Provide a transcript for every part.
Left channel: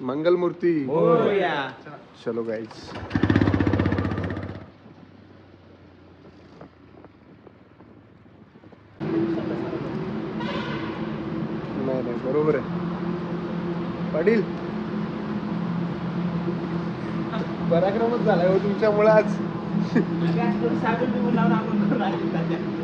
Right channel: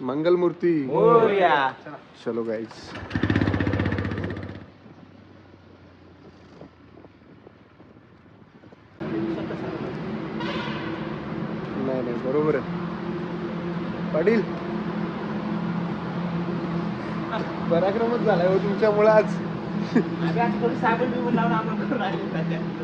मंगल मूर्ती चलो गाईज नाही नाही बरोबर आहे पाटील पराक्रमच झालाय हो तुमच्यामुळे आज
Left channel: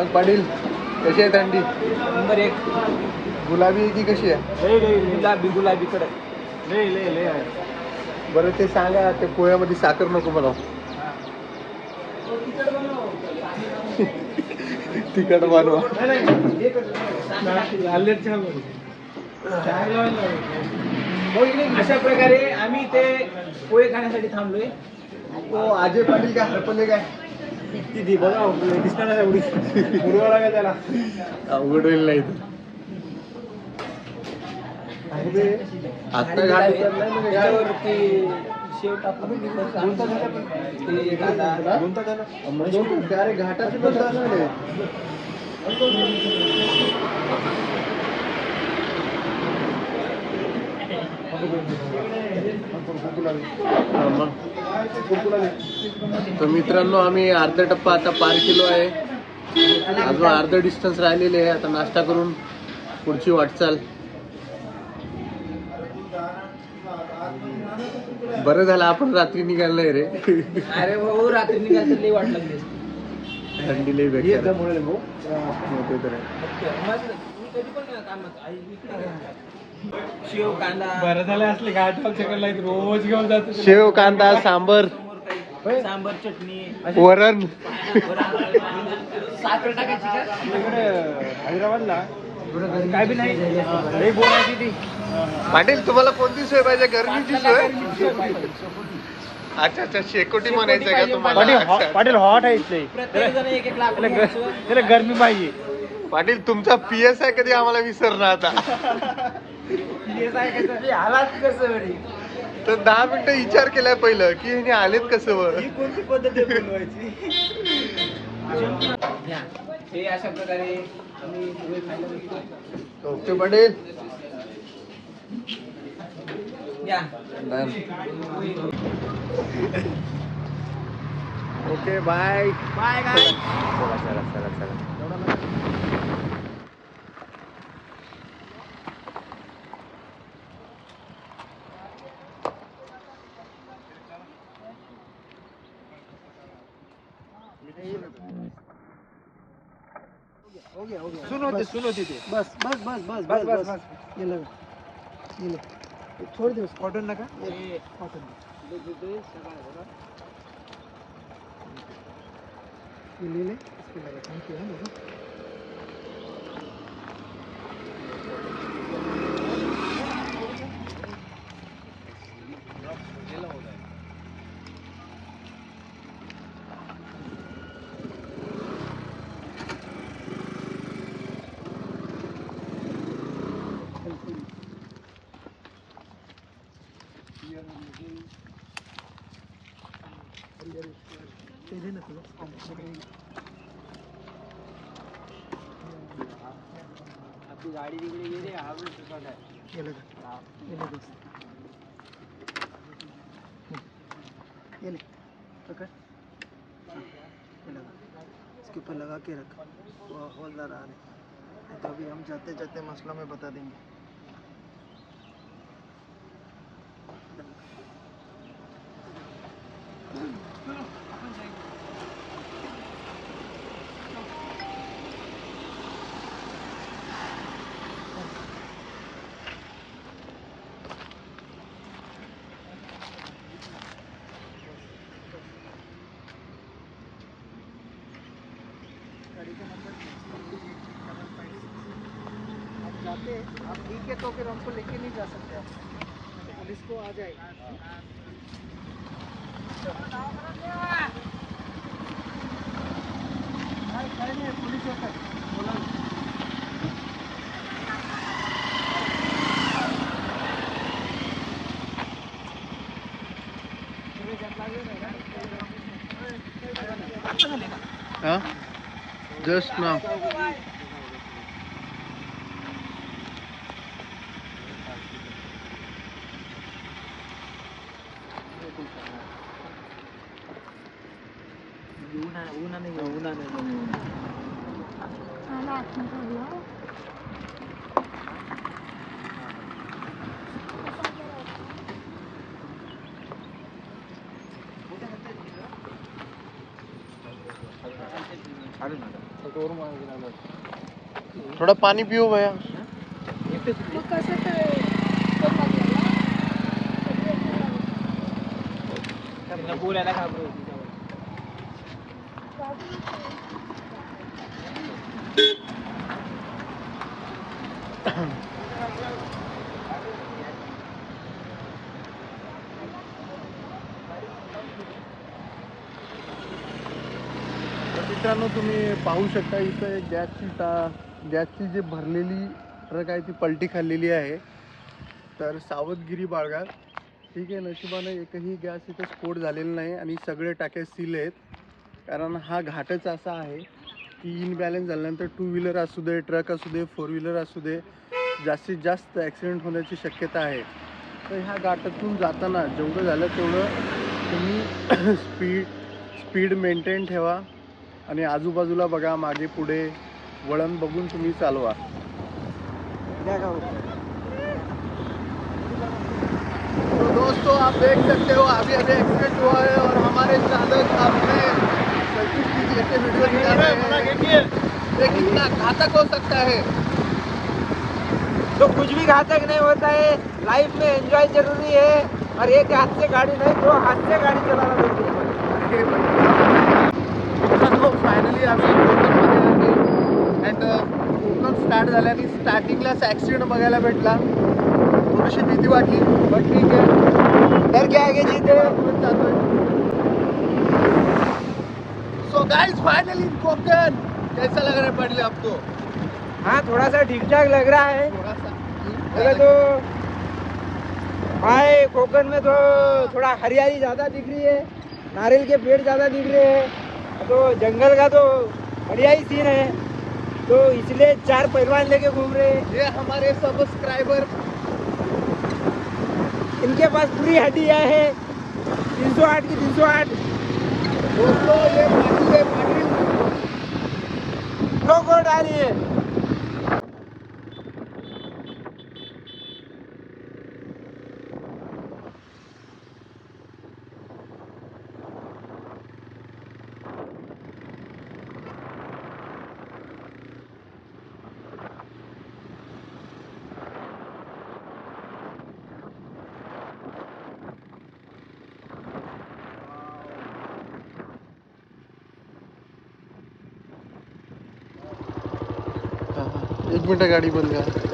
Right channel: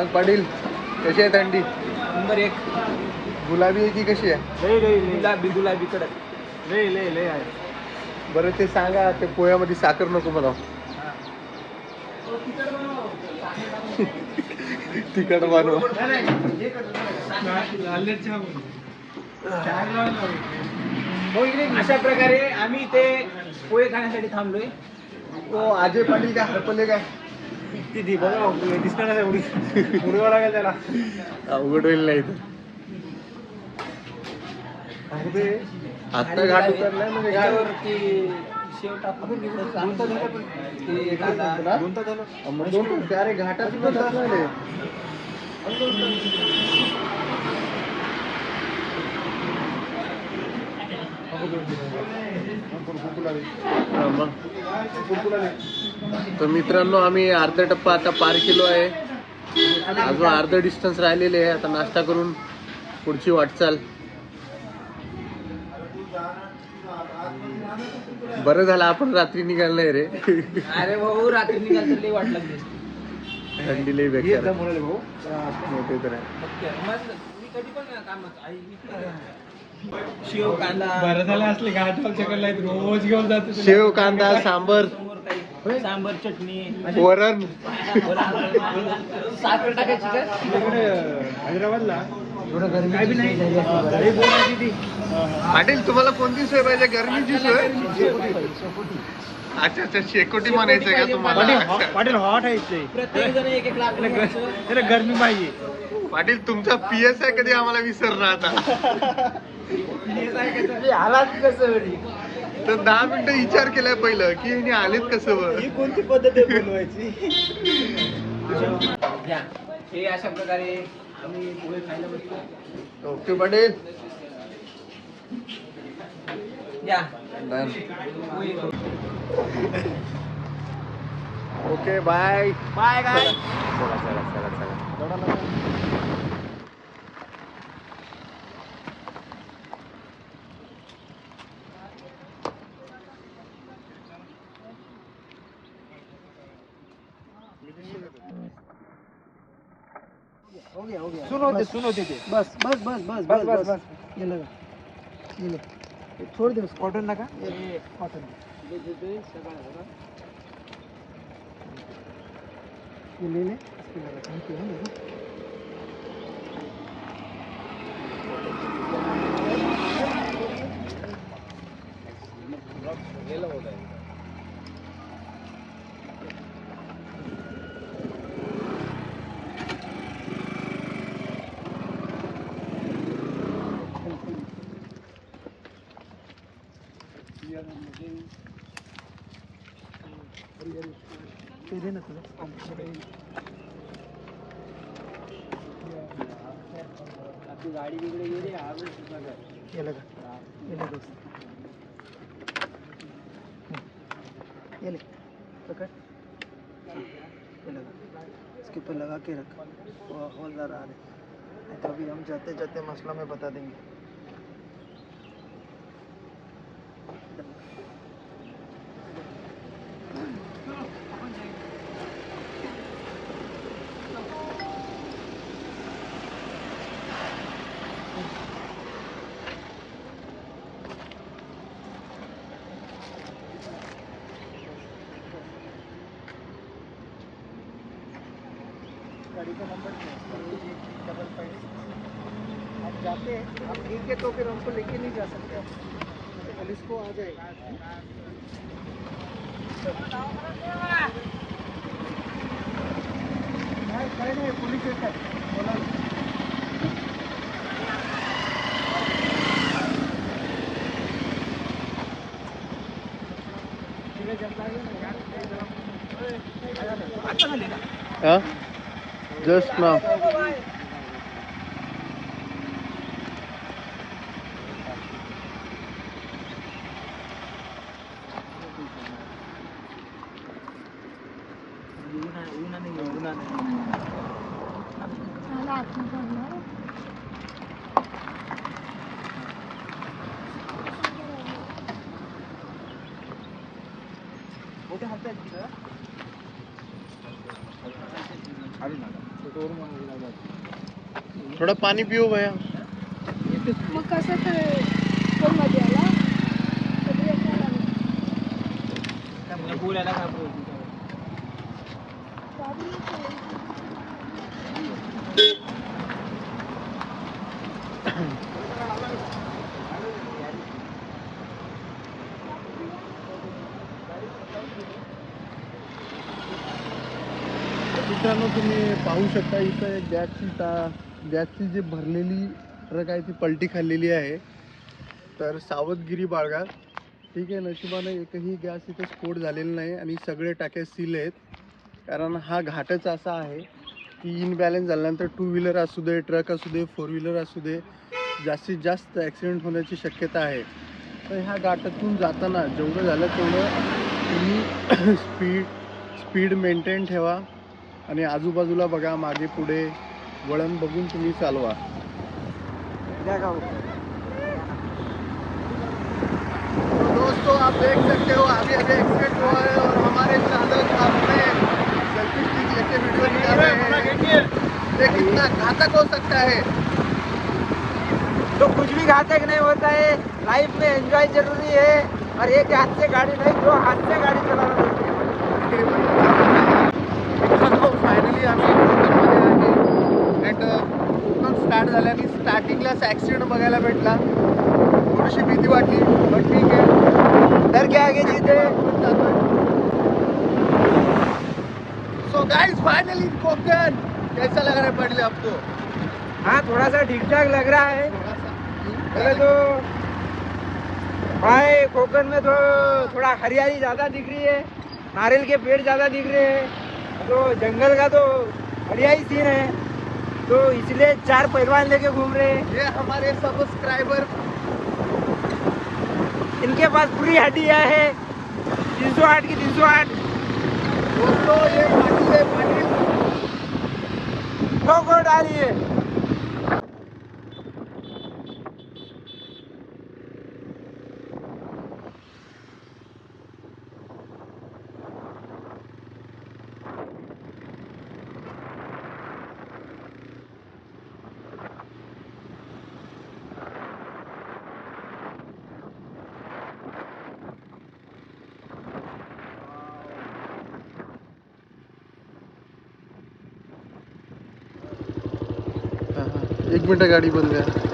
मग पाटील कशी आहे थंडी? नंबर एक. गुलाबी आहे की कशी आहे? गुलाबी गुलाबी कडक. लय लय लय आहे. बरं ते सांगा ते पोह्यामध्ये साखर नको मला तिखट बनवा. अशा प्रकारे आम्ही ते पोहे खाण्यासाठी थांबलोय. तो अजय पाटील काय हरपले काय? किती बघा दिसणार त्याला? अवघड होईल नाही तर आता घाट उतरलाय म्हणजे घाट. ते अरे घाटाचे पण तास झाले हा, मग. तर मित्रांनो आम्ही अर्धा टप्पा आता पार केलो आहे अजून अर्ध डिस्टन्स राहिलेले आहे आता नाश्ता करून पुढची वाटचाल बरं झालं आपण रात्री निघाल नाही रे अरे भाऊ रात्री निघाल तर लई वाट लागली असती. थंडी लई बेकार आहे. हो, ते तर आहे. मस्त. मी कधी पण कामात आई इकडे शेव कांदा बरं झालं असले घाट आमच्याकडे like रोज घेऊन जातो. शेव कांदा सांबर. समोर काही. सांबर चटणी. वरण. वरण. साखर टाकायची का? तिकडे हैदराबादला. बोलायची ती. पाटील तुम्हाला कोणती सोय पाहिजे? अच्छा अच्छा शेकोटी म्हणायचं का तुम्हाला? पाटील. हॉ- हॉट आहे इथले. प्रत्येक जण एक एक लाख त्याला गर- त्याला गरमी पाहिजे. पाटील तुमचा पीएस आहे कधी आम्हाला विसरला आता? आलाच कसं तर दहा मिनिटं विचार केलाय पहिलं की हिने आलेत कसं वर? ही कोणती पद्धत आहे बोलवायची? द्या. हे अशा प्रकारे आम्ही पोहे खायला बसतो ओके पाटील या. Okay bye. Bye bye. चला चला चला. चला सुन होते सुन होते ते. बस बस बस बस बस बस बस. ये लगा. ये लो ये छोड़ दे कॉटन नका. कॉटन ये ले ले. इसके लगा थैंक यू ते दे ना तुला आपली गाडी तिकडे गेली घर. गेलं का गेले दोस्त गेले पकड़। ये लगा। इसके ऊपर लगा के रख। वो हवलदार आ रहे। तो अभी हम जाते जाते मसला में बता देंगे। जाते हैं आप ठीक है तो फिर हमको लेके नहीं जा सकते आप। तो पुलिस को आ जाएगा नाही, काही नाही पोलीस येत आहे बोला। ना. तुम्ही जनता आता झाले का जस्ट ना ऊन आहे ऊन नाही ऊन नाही मला आत्मकरलं थोडं पाणी पिऊ भया. मग मला बोलायला काय बोलू? तर मित्रांनो तुम्ही पाहू शकता इथं एक गॅसची टा गॅसची जी भरलेली ट्रक आहे ती पलटी खाल्लेली आहे. तर सावधगिरी बाळगा. ठीक आहे नशिबानं एकही गॅस इथे स्फोट झालेला नाही आणि सगळे टाके सील आहेत. कारण हा घाटच असा आहे की इनबॅलन्स झाल्यानंतर टू व्हीलर असू दे ट्रक असू दे फोर व्हीलर असू दे जास्तीत जास्त ॲक्सिडेंट होण्याची शक्यता आहे. तर ह्या घाटातून जाताना जेवढं झालं तेवढं तुम्ही स्पीड स्पीड मेंटेन ठेवा. आणि आजूबाजूला बघा मागे पुढे वळण बघून तुम्ही चालवा. तो दोस्तों आप देख सकते हो अभी अभी एक्सीडेंट हुआ है और हमारे चालक अपने सेल्फी स्टिक लेके वीडियो निकाल रहे हैं। ये कितना घातक हो सकता है। तो कुछ भी घातक नहीं होता है। लाइफ में एंजॉय जरूरी है। और एक हाथ से गाड़ी नहीं दो हाथ से गाडी चलाना जरूरी है। फायनली आम्ही कोकणमध्ये आले. अँड कोकण स्टार्ट झाल्याने स्टार्टिंगलाच ॲक्सिडेंट बघायला भेटला. थोडीशी भीती वाटली पण ठीक आहे. डर के आगे जीते सो गाइस फाइनली कोकण. कैसा लग रहा है पहले आपको? हाँ थोड़ा सा ठीक ठाक लग रहा है. थोड़ा सा पहले तो. भाई कोकण में तो थोड़ा हरियाली ज्यादा दिख रही है. नारियल के पेड़ ज्यादा दिख रहे हैं. तो जंगल का तो बढ़िया ही सीन है। तो इसलिए चार पहलवान लेके घूम रहे ये हमारे सब्सक्राइबर इनके पास पूरी हड्डियाँ है तीन सौ आठ की तीन सौ आठ। दोस्तों ये पानी है पानी डालिए मिनट गाडी बंद आहे?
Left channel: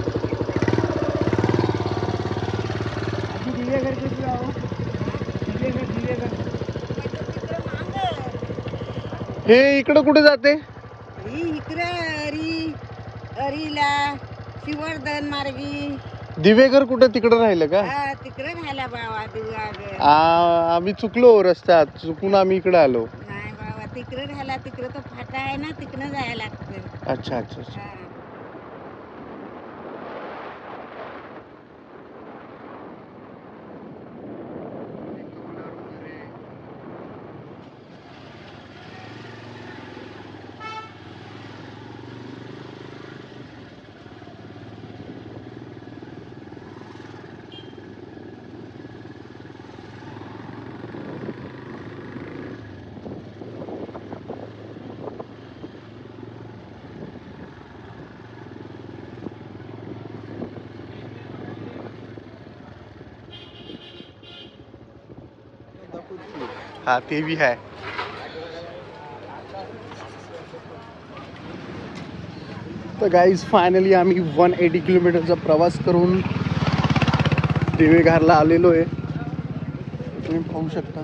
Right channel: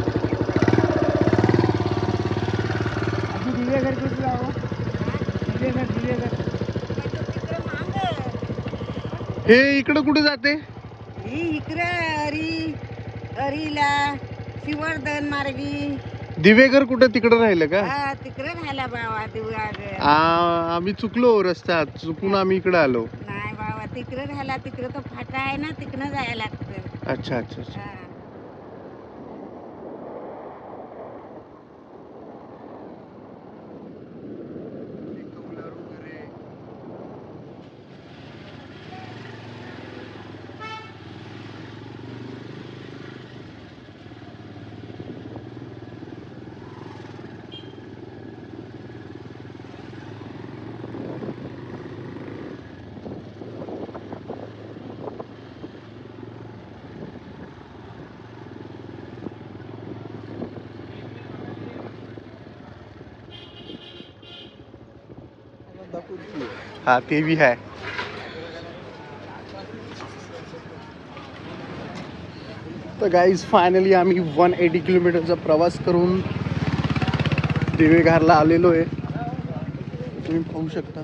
हे इकडं कुठे जाते? इकडे हरी हरीला शिवर्धन मार्गी. दिवेघर कुठे तिकडं राहिलं का? हा तिकडे राहिला बाबा दिवस आ- आम्ही चुकलो रस्त्यात चुकून आम्ही इकडे आलो. नाही बाबा तिकडं राहिला तिकडं तो फाटा आहे ना तिकडं जायला लागतं. अच्छा अच्छा अच्छा. हा. भी है तो गाइज़ फायनली आम्ही वन एटी किलोमीटरचा प्रवास करून देवेघरला आलेलो आहे तुम्ही पाहू शकता